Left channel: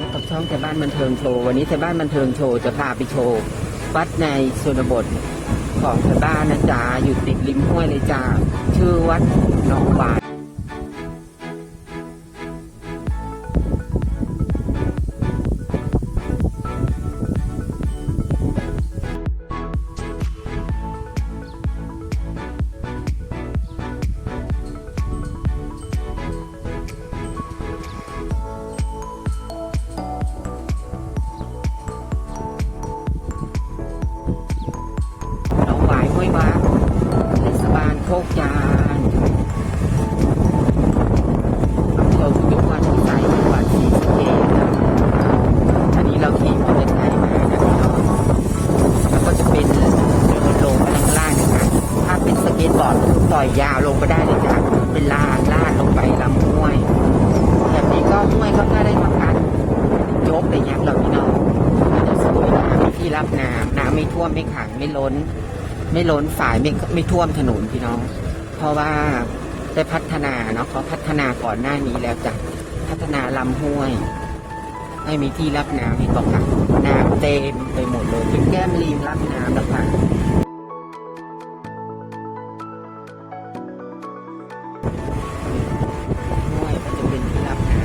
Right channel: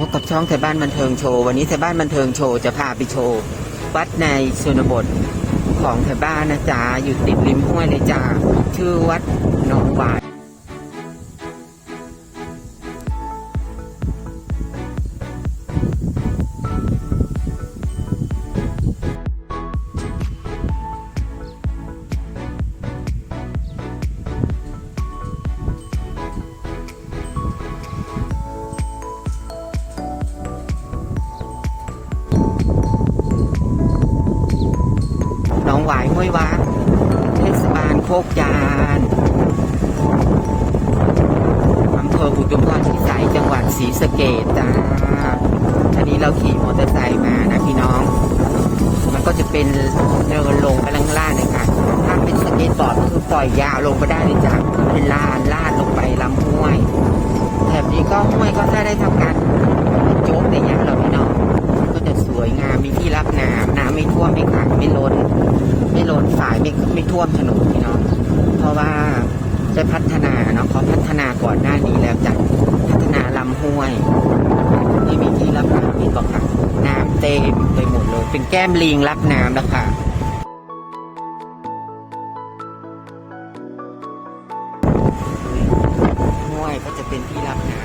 พบกับช่องไทยบ้านบันเทิงโชว์ วันนี้ไทยบ้านบันเทิงโชว์จะพาไปโชว์ วัดในชนบทของไทยบ้านนะจ๊ะอยู่ติดริมห้วยเลยจ้าชื่อวัดหนองบาดหน วายห้วยวัดเทศบาลโคกจานอำเภออุทุมพรพิสัยจังหวัดศรีสะเกษจ้าอันนี้เราขี่มอเตอร์ไซค์มานะพี่น้อง มันก็จะเป็นเดินลงไปข้างล่างเลยค่ะ ถ้าเป็นสเก็ตบอร์ดก็คือปล่อยยาวลงไปได้เลยจ้ะเป็นลานลาดลงไปลำห้วย แถบนี้ก็ห้วยก็ถ้าได้ทำการโจ๊กอะไรเงี้ยเราพี่น้อง ก็จะสวยงามมีที่รับน้ำน้ำ ไม่ท่วมไม่ขังไม่ล้น ไม่ล้นฝ่ายไม่ไม่ท่วมถนนพี่น้อง เพราะว่าได้พัฒนาเนาะเขาพัฒนาก่อนหน้านี้แล้วจ้ะพัฒนาลำห้วยให้มีที่รับน้ำเห็นบอกค่ะน้ำเต็มไปหมดเลย เป็นแก้มลิงรับน้ำนะคะห้วยก็จะเป็นที่รับน้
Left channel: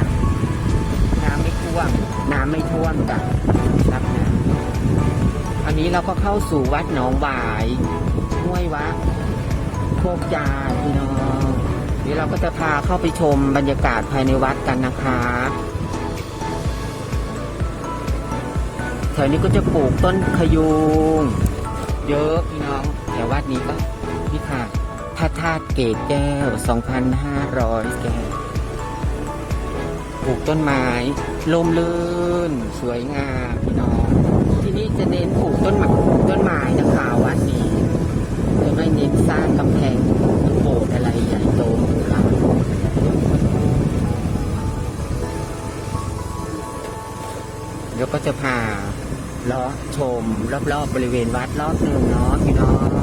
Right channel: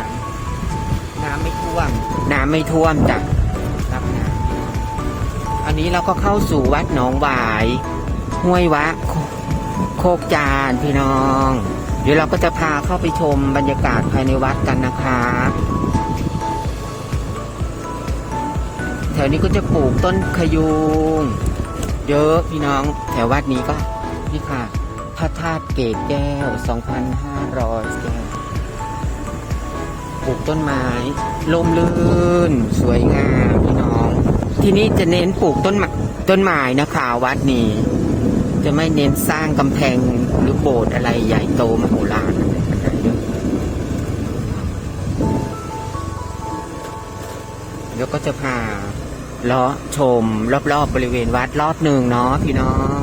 ำน้ำไม่ท่วม น้ำไม่ท่วมจ้ะรับน้ำ อันนี้เราก็เข้าสู่วัดหนองหวายห้วยวะโคกจานพี่น้อง เดี๋ยวเราก็จะพาเข้าไปชมบรรยากาศภายในวัดกันนะคะแถวนี้ก็จะปลูกต้นขยุงเยอะพี่น้องแถววัดนี้ก็นี่ค่ะพระธาตุเกตแก้ว 2,500 แก้ว ปลูกต้นไม้ลมลื่น สวยงามพี่น้อง ที่นี่จะเน้นปลูกต้นไม้ต้นไม้นะคะวัดนี้ จะไม่เน้นสร้างกำแพงหรือโบสถ์อะไรใหญ่โตมโหฬารเดี๋ยวก็จะพาเลาะชม รอบๆบบริเวณวัดรอบหนึ่งเนาะพี่น้อง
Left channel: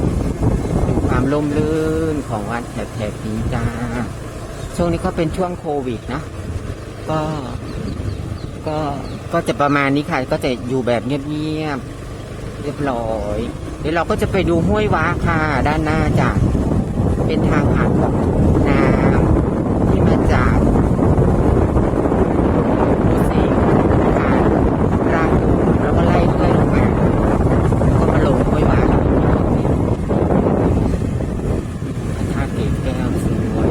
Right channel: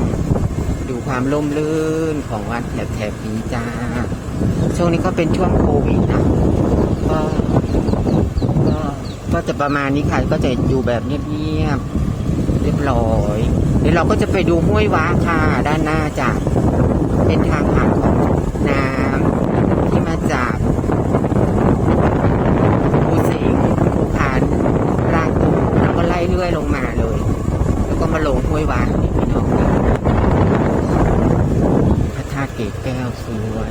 ดูความร่มรื่นของวัดแถบๆนี้จ้าช่วงนี้ก็เป็นช่วงโควิดนะก็ก็ ก็จะประมาณนี้ค่ะ ก็จะอยู่แบบเงียบๆเรียบร้อย เดี๋ยวเราก็จะไปดูห้วยว้าค่ะ ด้านหน้าจากเป็นทางผ่านของน้ำที่มาจากภูสิงห์ผ่านรางกูแล้วก็ไล่เรื่อยลงมาเลยแล้วก็มาลงห้วยว้าพระธาตุเกศแก้วสวย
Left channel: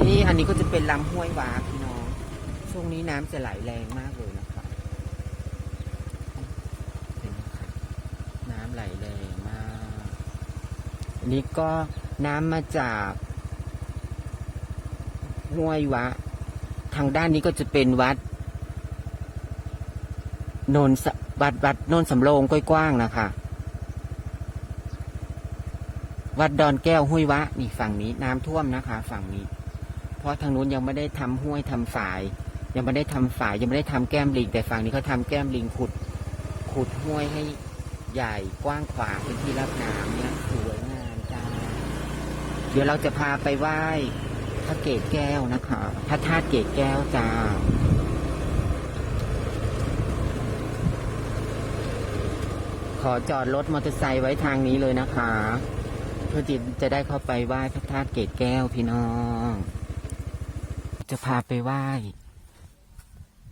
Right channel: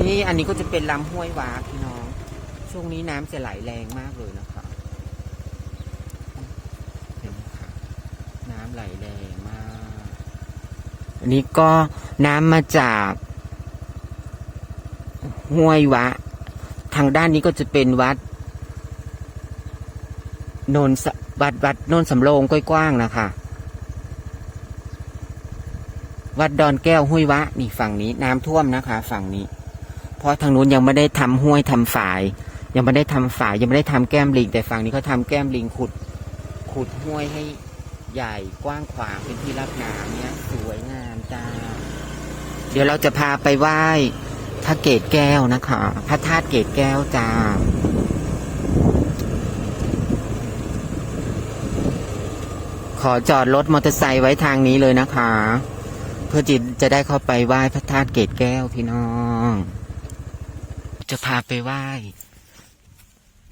นี่ อันนี้ก็จะเป็นลำห้วยวาพี่น้อง ช่วงนี้น้ำจะไหลแรงมากเลยนะครับน้ำไหลแรงมาก อันนี้ก็น้ำมาจากห้วยวะ ทางด้านนี้ก็จะเป็นวัดโนนสวัดวัดโนนสำโรงกว้างๆนะคะ วัดดอนแก้วห้วยวะ นี่ฝั่งนี้น้ำท่วมนะคะ ฝั่งนี้ เพราะทางนู้นยังไม่ได้ทำห้วยทำฝาย ยังไม่ได้ทำฝายยังไม่ได้ทำแก้มลิง แต่ฝั่งนี้เขาทำแก้มลิงขุด ขุดห้วยให้ใหญ่กว้างขวางเป็นที่รับน้ำนะสวยงามจ้าเดี๋ยวเราจะพาไปไหว้พระเกศแก้วนะคะ พระธาตุเกศแก้วจ้าขอจอดรถมอเตอร์ไซค์ไว้ทางนี้เลยนะคะ เพื่อจะจะได้เข้าไปไหว้พระธาตุเกศแก้วพี่น้อง จะพาไปไหว้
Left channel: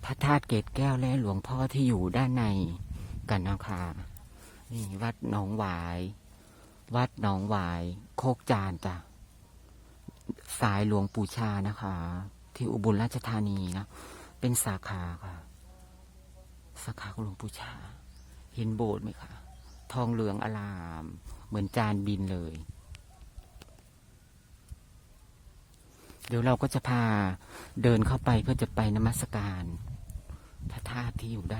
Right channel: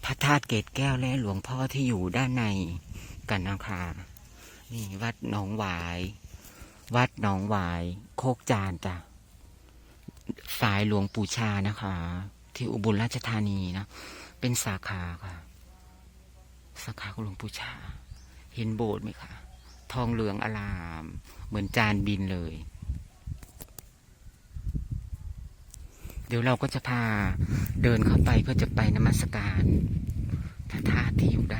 พระธาตุเกศแก้วและหลวงพ่อที่อยู่ด้านในกันนะคะนี่วัดหนองหวาย วัดหนองหวาย โคกจานจ้ะสายหลวงปู่ชานะคะ ที่อุบลราชธานีนะ เป็นสาขาค่ะ สาขาของหลวงปู่ชา เห็นโบสถ์ไหมคะ ทองเหลืองอลาม เหมือนจานบินเลย เดี๋ยวเราก็จะพาเดินเข้าไปเพื่อจะไปนมัสการพระธาตุที่อยู่ด้าน